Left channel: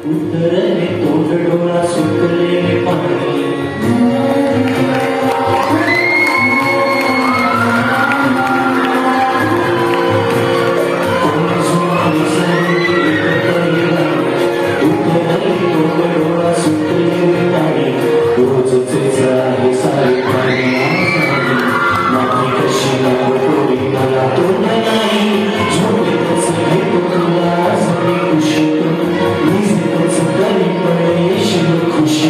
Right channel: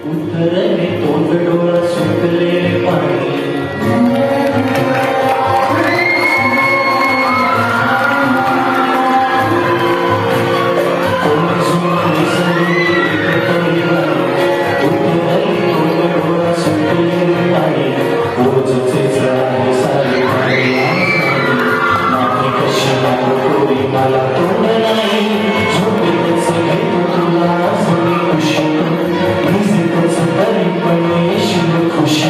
उतरले तोंड डोळा सुटले पाणी खुशी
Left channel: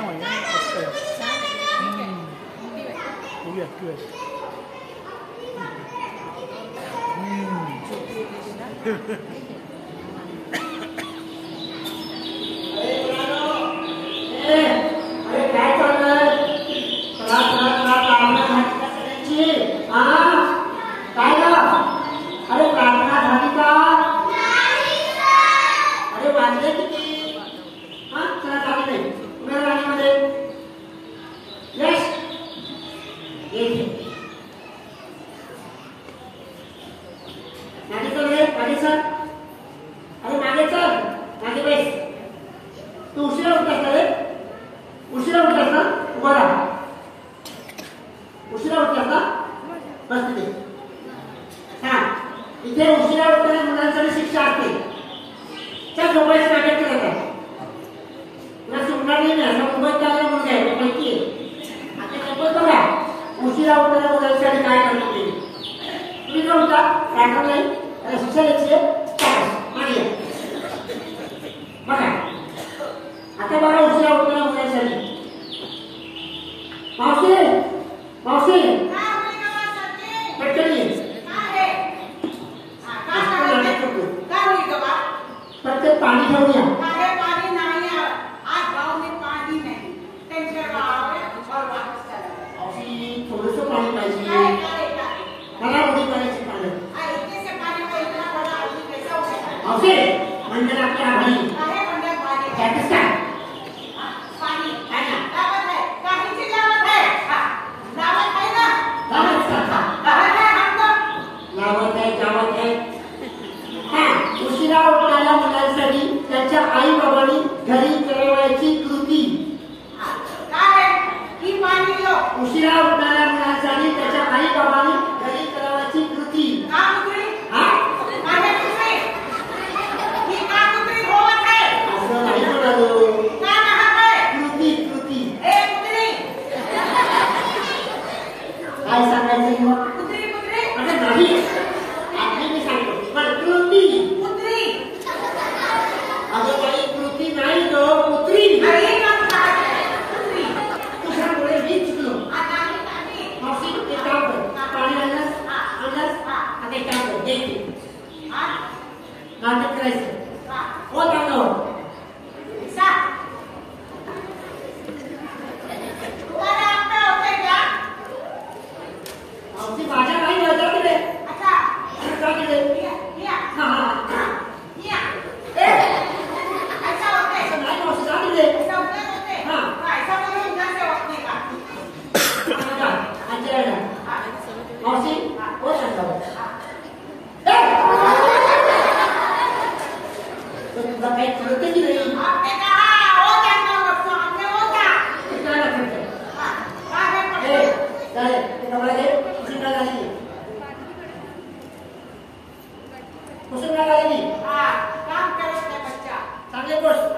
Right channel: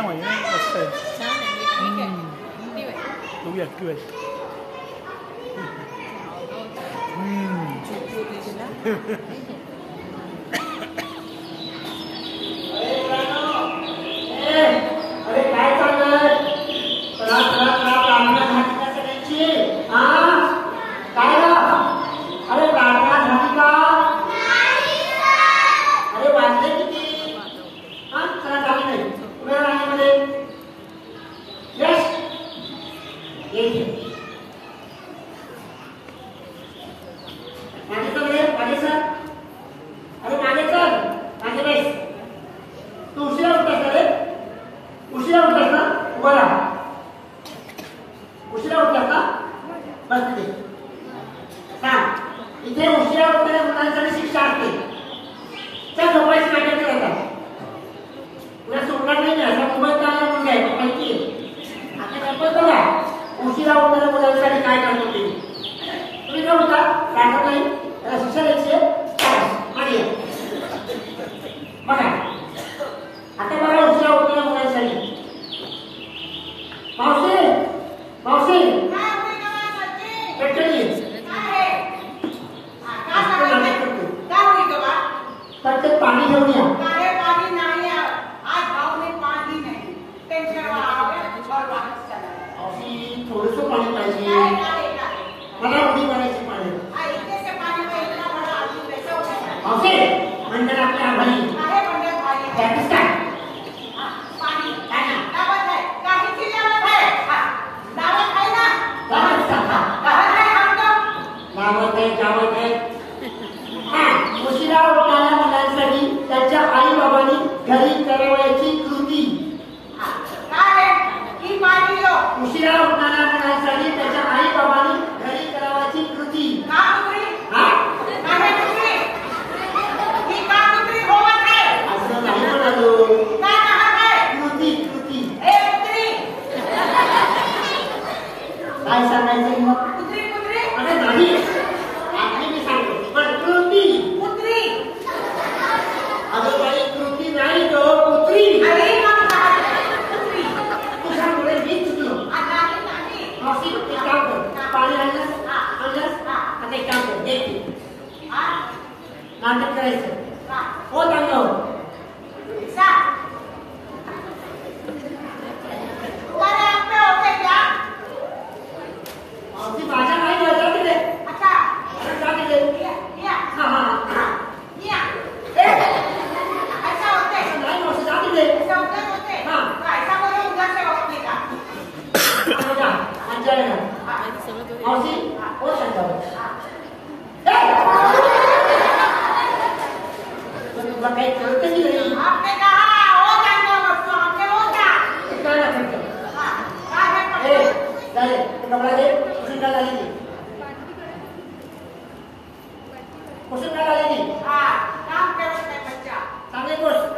म्हणजे मस्त आहे. मुलगी ऍक्टिव्ह आहे. इथे उशिरा उठणाऱ्या मुलांसाठी शिक्षा असते. त्या झोपायची नाटक करतात. तुला सोडणार नाही ना, मुंबईत चालला मुलगा आहे माहिती आहे. आता गप्पा बघा उशिरा उठणाऱ्या मुलांसाठी काय करतो ते. तुम्ही न उठा राहत नाही, त्याला शिक्षा द्यायची मागे बघा. आता बघा उशिरा उठणाऱ्या मुलांसाठी मावशी मावशी पटकन ये. पटकन पाणी घेऊन या. पानी नहीं है आज गांव में पानी नहीं टेंशन थोडस पाणी पाहिजे मला उडी मारायची पाणी मावशी मंडळ आपल्या आभारी जातीस का गावात आहे गावात आहे. उशिरा उठणाऱ्या मुलांसाठी त्यांच्या आई बाबांनी घरी करावयाची कृती. उशिरा उठणाऱ्या मुलांसाठी त्याच्या आई बाबांनी घरी करावयाची कृती. असं नाही म्हणालो. कृती कृती काय सांगायचं मग. अरे नाही आपली मी सांगतो पण कृती. अगं काही कृती नाही तो पुत्री. तुझ्यामुळे मी चुकलो. मावशी एक काम कर पाणी आणलंस आता एक काम कर द्यायची नाटक करायचं हो चांगलं. मावशी माझ्या काही लढा केले का केले. हा हा नाही मावशी जा केले. हा मावशी हो सांगा तुला काही कळत नाही. चांगली गोष्ट.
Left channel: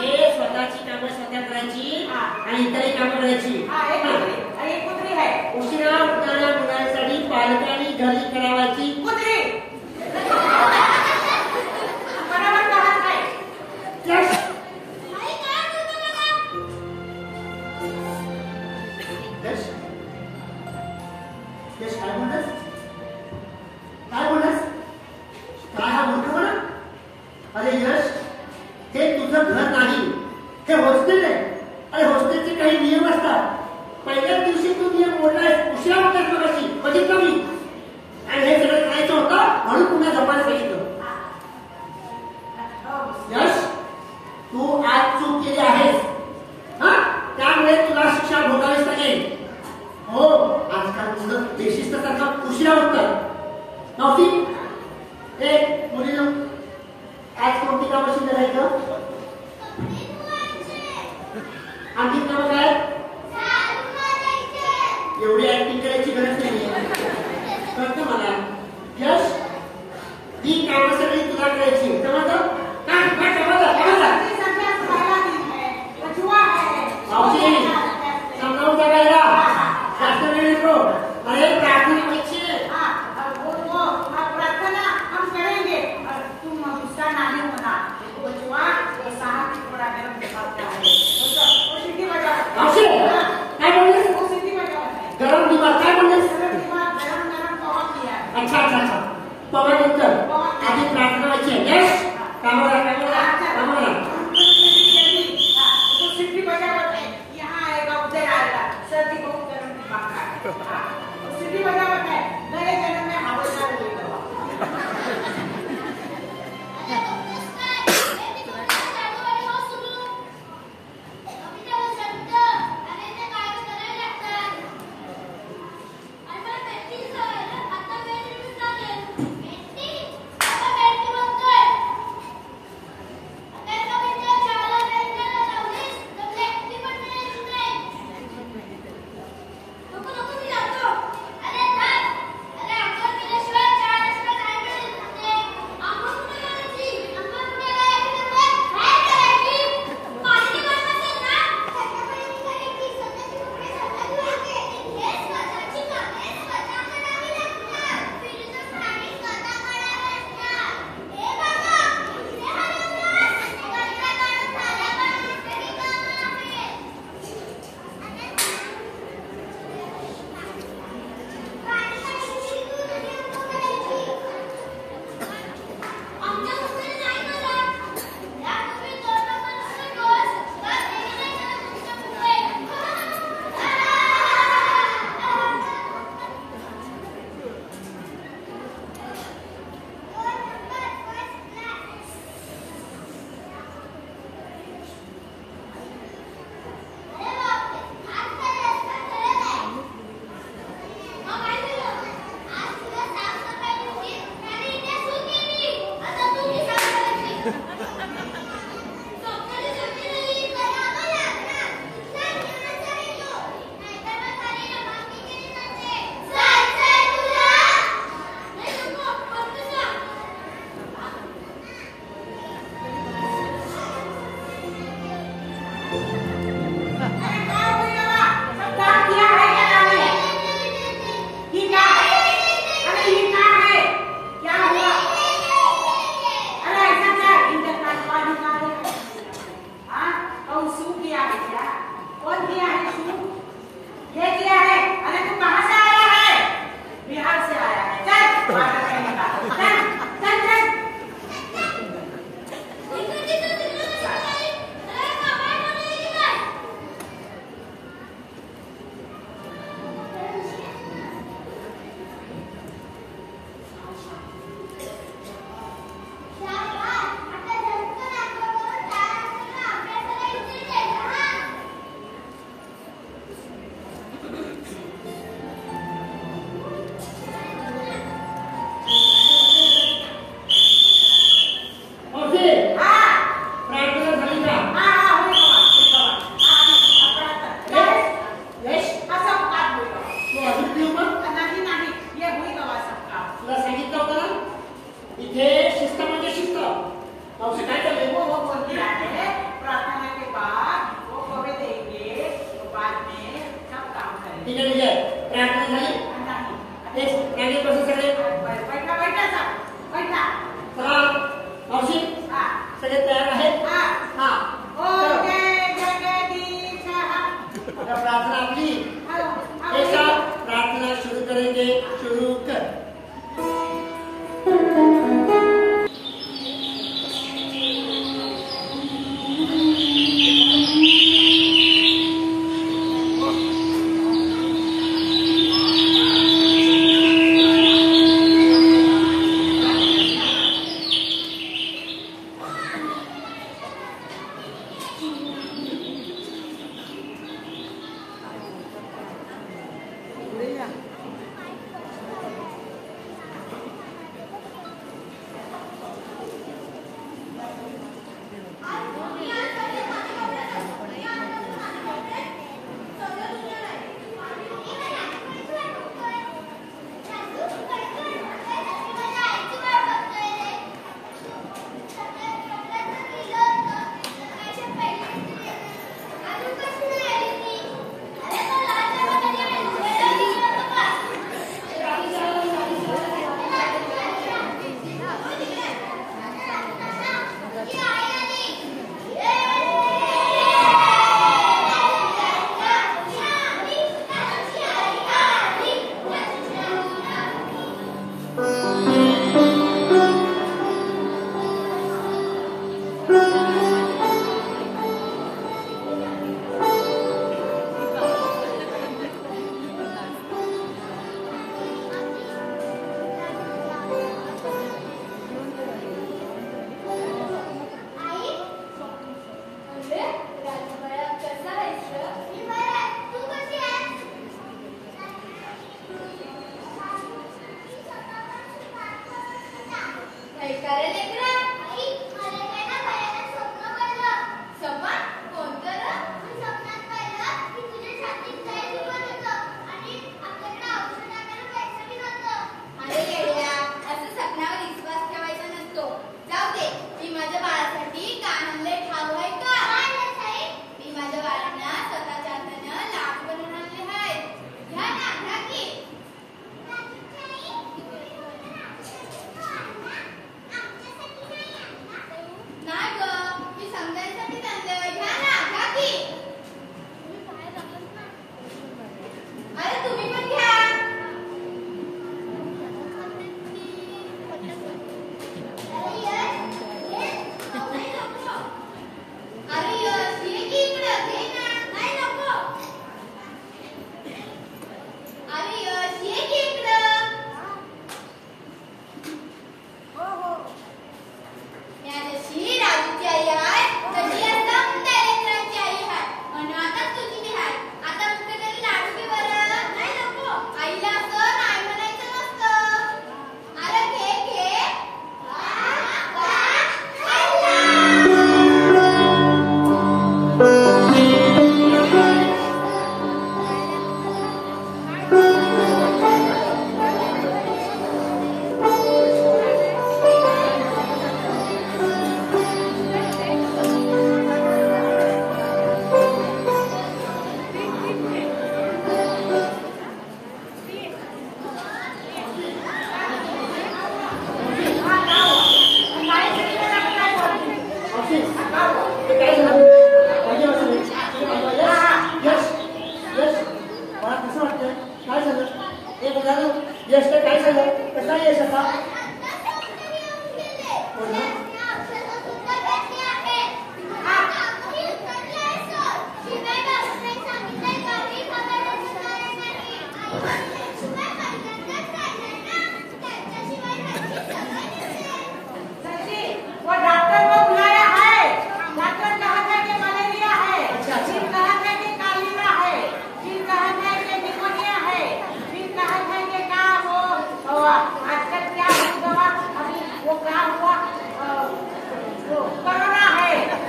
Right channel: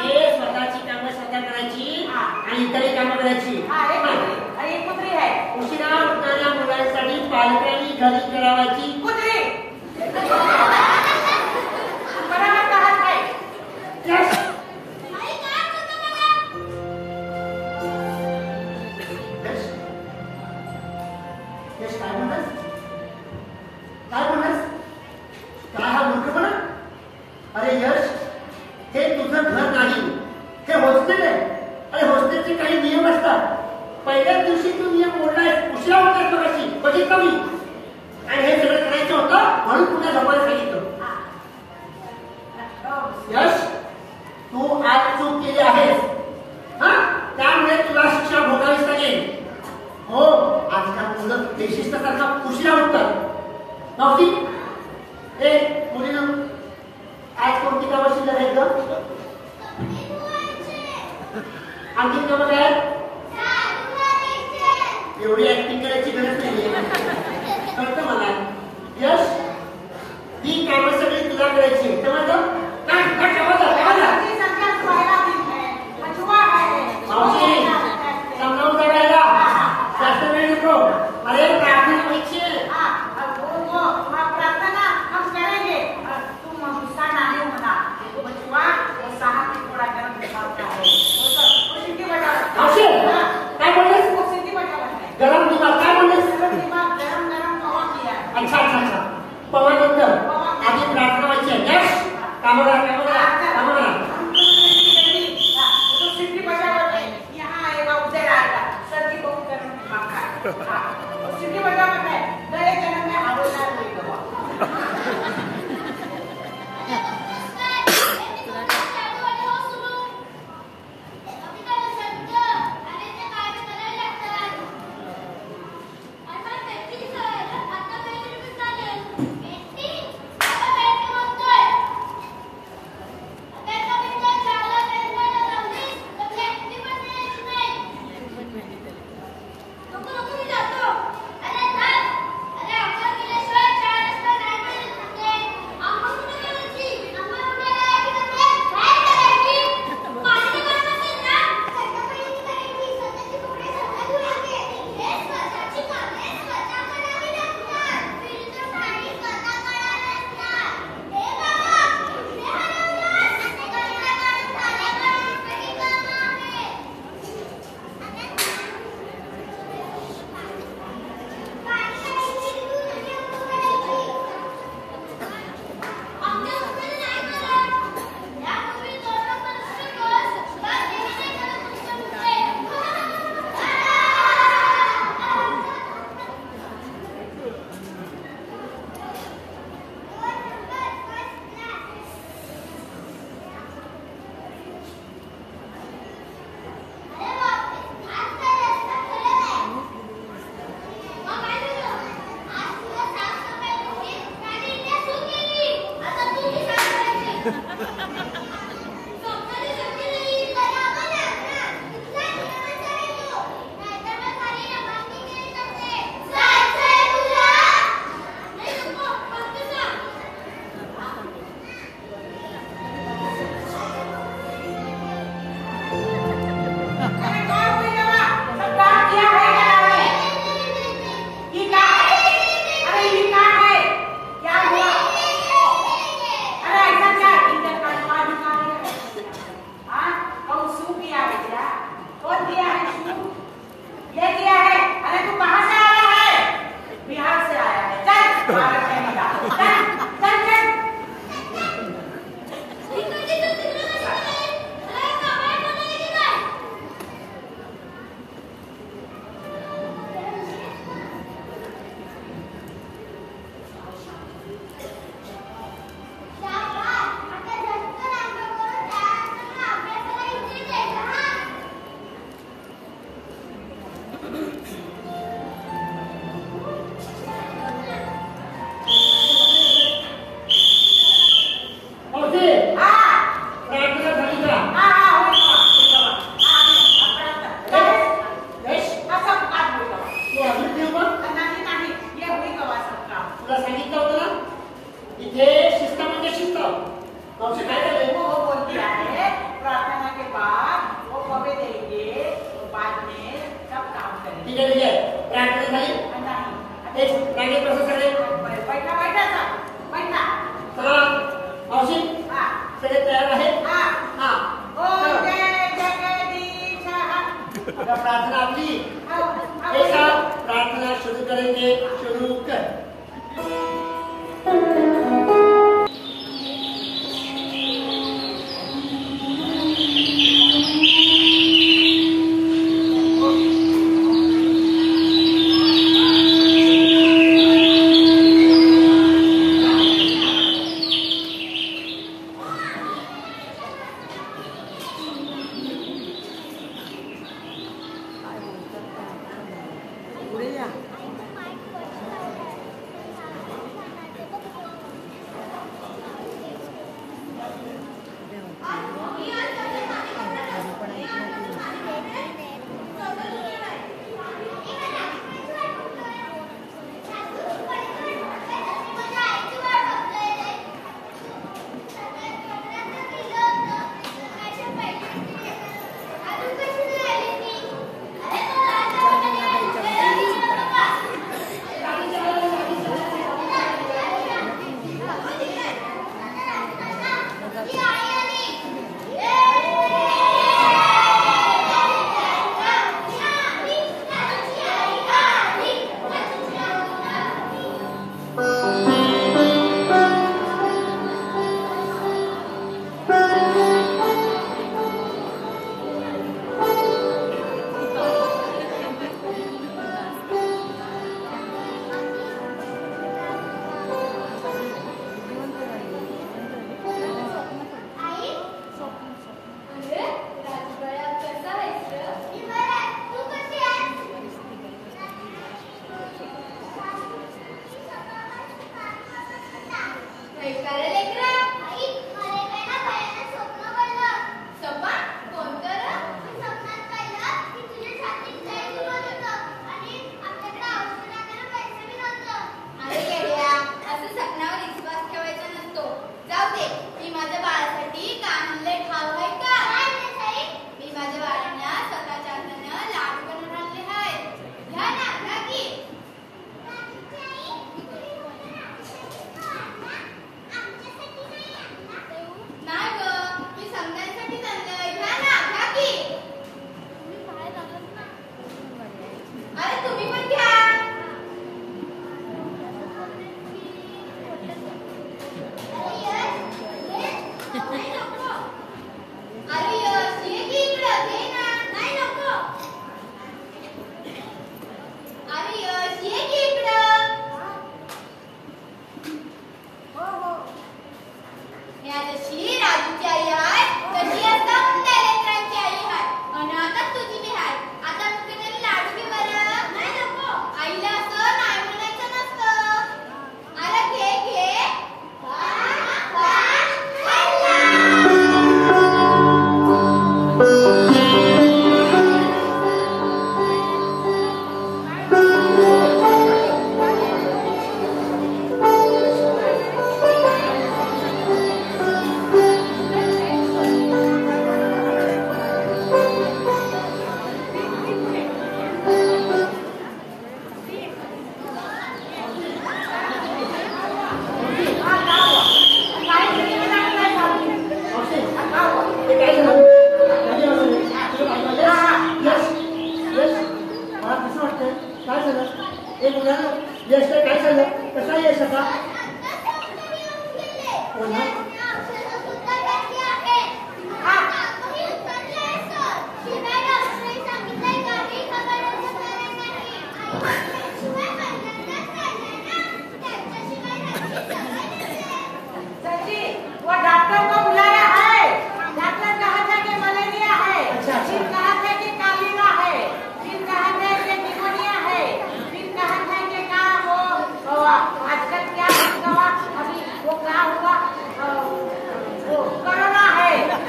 हे स्वतःची कामं स्वतः करायची आणि इतरही कामं करायची. उशिरा उठणाऱ्या मुलांसाठी पालकांनी घरी करावायची काय हा मूर्खपणा. अरे यश हे तुझं घर नाही, हे हॉस्टेल आहे. अरे हॉस्टेलचे काही नियम असतात. पहिल्याच दिवशी तू नियम मोडलाय. उशिरा उठणार कशी बघितलं मी आणि हे सगळं करायचं होतं म्हणून तुला झोपायला सांगितलं. यश तू आज चूक केली आहेस हा त्यामुळे तुला शिक्षा भोगावीच लागेल. हो आजकाल मुलं बेशिस्तसारखा उशिरा उठतात. नव्हती ए मुलीनं आज कोणती कामं शिल्लक आहेत ग. आणखी कामं काय एवढी ऍक्टिंग करायची गरज नाही कळतं मला. यश ही कामं सगळी तुला करायची समजलं. मावशी समजावून बघायला शास्त्र अरे प्रार्थना व्हायची. अरे कौन हुई दवा? सब काम किया है क्या आपने? ये क्या? अरे ये क्या है? क्या हुआ? अरे ऐसा क्या?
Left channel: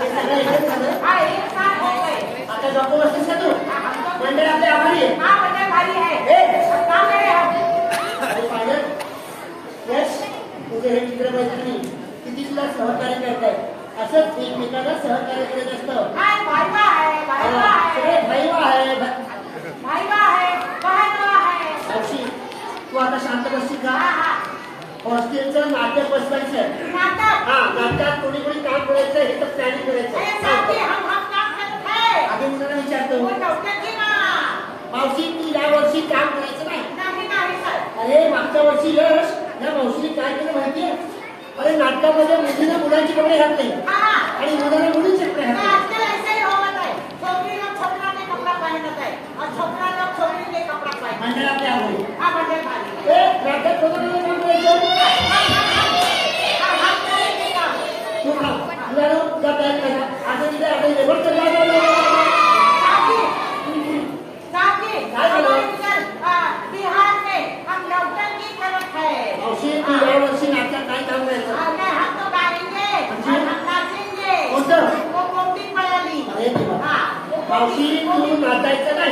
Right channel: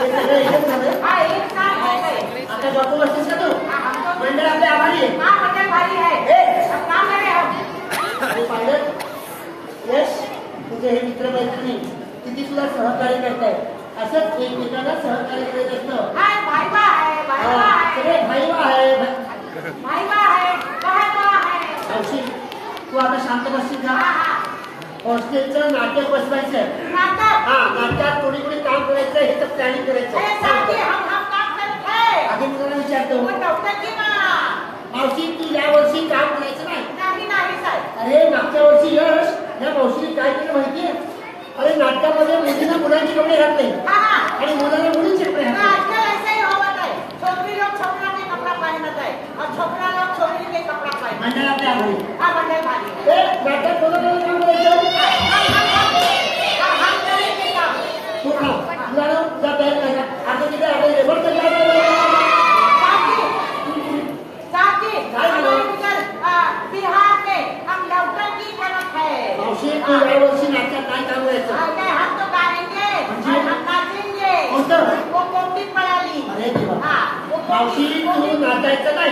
हे सगळं एकच झालं. हा, एक काम आहे. आता डॉक्टर बसतेस का तू? मंडळ आपल्या आभारी आहे. हा, म्हणजे भारी आहे. ए, सत्तावन्न आहे. आणि पाहिलं? यश, तुझे हे मित्र मैत्रिणी किती तुला सहकार्य करतायत. असंच एकमेकांना सहकार्य करत असतं. हाय, भाईबा आहे, भाईबा आहे. सगळे भाईबा आहे. भाईबा आहे, भाईबा आहे. मावशी, तू आता शांत बसशील का? हा, हा. हॉस्टेलचं नाटक बसवायचं. नाटक. हा, नाटकात कोणी कोणी काम करायचं हे तर प्लॅनिंग ए, साथी, करायचं. हम काम करते हैं. आधी मुलाला विचारतो, वो डॉक्टर की ना. मावशी तू या वर्षी काम करायचं नाही. नाही, नाही, सर. अरे मागच्या वर्षी यश या मावशीने काय केलं माहितीये? अरे नाटकामध्ये मुलीनं मुलांचे कपडे घातले हा, हा. आणि मुलाला मुलींचे कपडे घातले. आजकल ऐसे ही होत आहे. छोकरी लोक छोकरा के कपड़ा पहनत आहे और छोकरा लोक छोकरी के कपड़ा पहनत. मंडळातल्या आभारी. हा, म्हणजे भारी. ए, नाटक कोणतं कोणतं करायचं? तू खा. मुलाला जा तयार करा. आता तिथे आता लेबर तयार करा. बिहार में हम नौटंकी करत है. मावशी तू या वर्षी नाटकात काय काम करायचं? हमने हम तो गाएंगे, हम नाचेंगे. कोणतं? वो कोटी पडाली. अरे देवा. हा. मावशी तू नाचायचं नाही.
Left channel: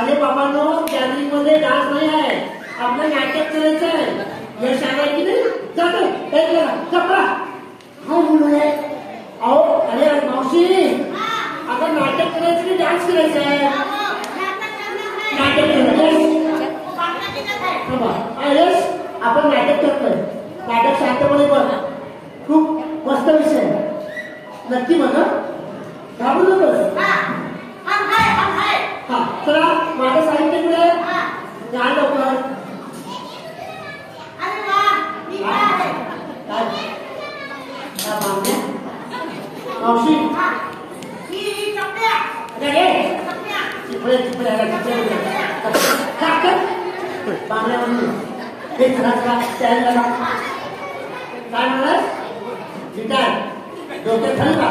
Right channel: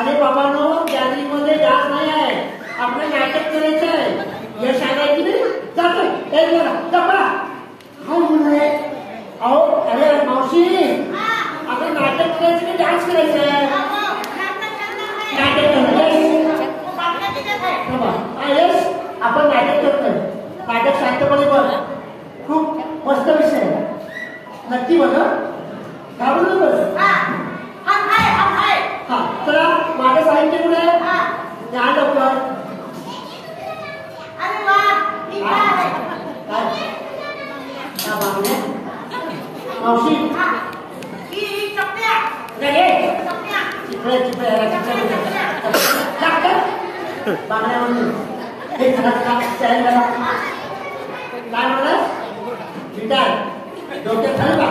अरे बाबांनो, गॅलरीमध्ये डान्स नाही आहे. आपलं नाटक करायचं आहे. यश आलं की नाही? जातो. काय केलं? चपला. हो मुले. अहो, अरे मावशी, आता नाटक करायचं की डान्स करायचं आहे? नाटक करना है. नाटक करायचं. पाटला की नाही. बाबा, हा यश, आपण नाटक करतोय. नाटक शांतपणे बघ. खूप मस्त विषय आहे. नक्की बघा. घाबरू नकोस. हा, हम है, हम है. हा, चला माझं साहित्य पुढे. हा. या लवकर. अरे वाह, ही काय आहे? मावशी, हा. ही चपल्या. नाही, चपल्या. चिपळे चिपळे पाण्या म्हणून हे काय म्हणा गिटार डोक्यात घालू का?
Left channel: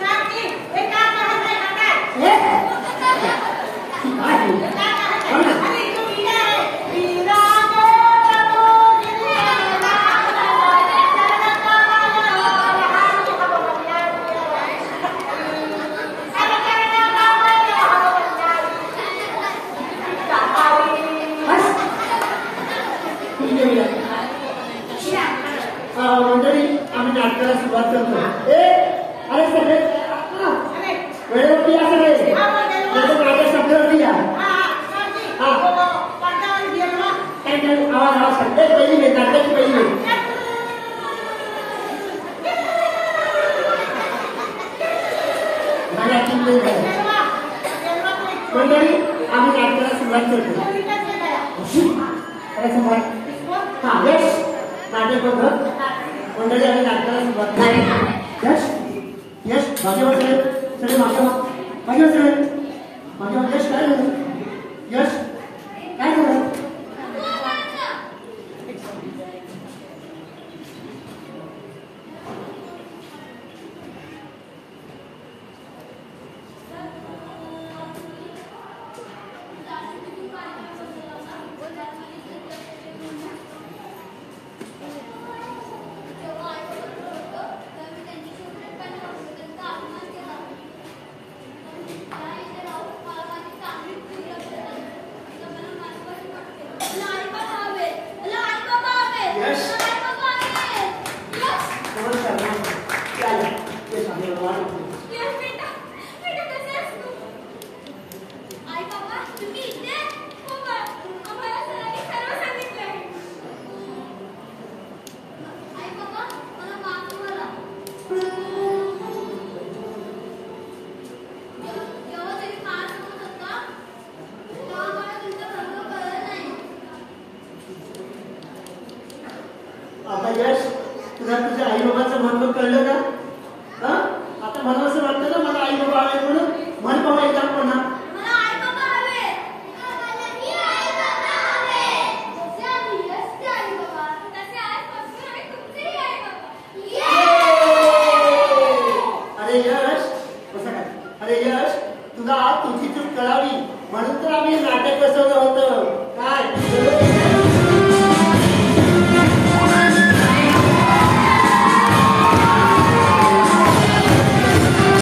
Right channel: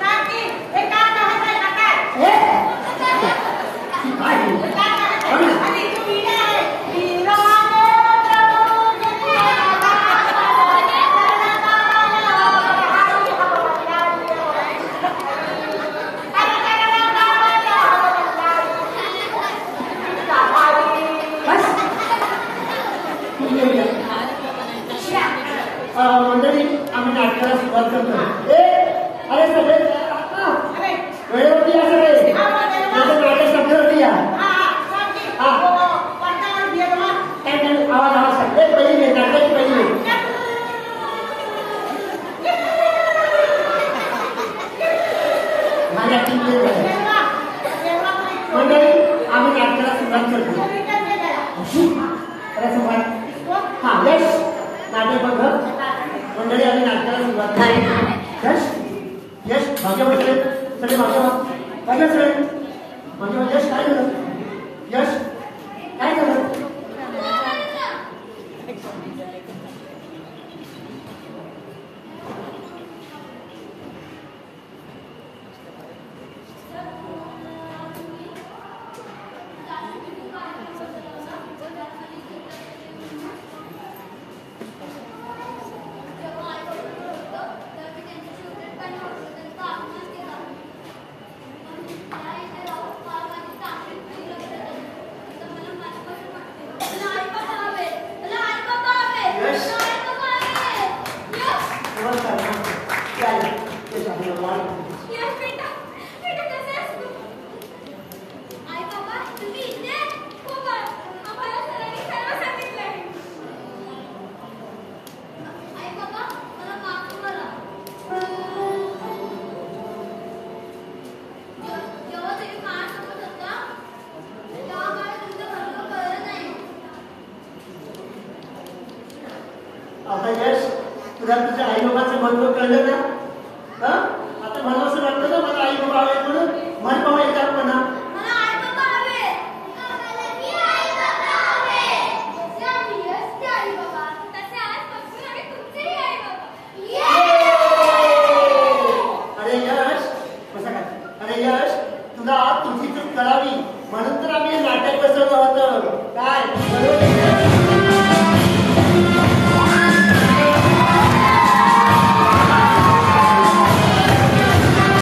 साथी, हे काय करत आहे नाटक? हे? काय? अरे तू वीणा आहे. वीणा मंडळी आम्ही नाटकाला सुरुवात करतो. अरे सगळे वेळेवरती या सगळे. नाटक संपेवरती या. काय नाही, आवाज आवाज सांगते. पहिली वेळ नाटकाची पहिली वेळ. माझ्या तीन वेळ झाल्या. मंडळी आम्ही नाटकाला सुरुवात करतो. अरे सम्राट. हा यश नाटक बघ. मंडळी आम्ही नाटकाला सुरुवात करतो. यश यश माझ्या वाटले सगळे माझ्या माझ्या सगळे माझ्या यश काय झालं? यश काय झालं? यश तुला तुझ्या आई बाबाचं महत्व कळलं ना? आता मला असं वाटतं ना मला आई बाबा आहे म्हणून श्रेयस तुला तुझी चूक कळावी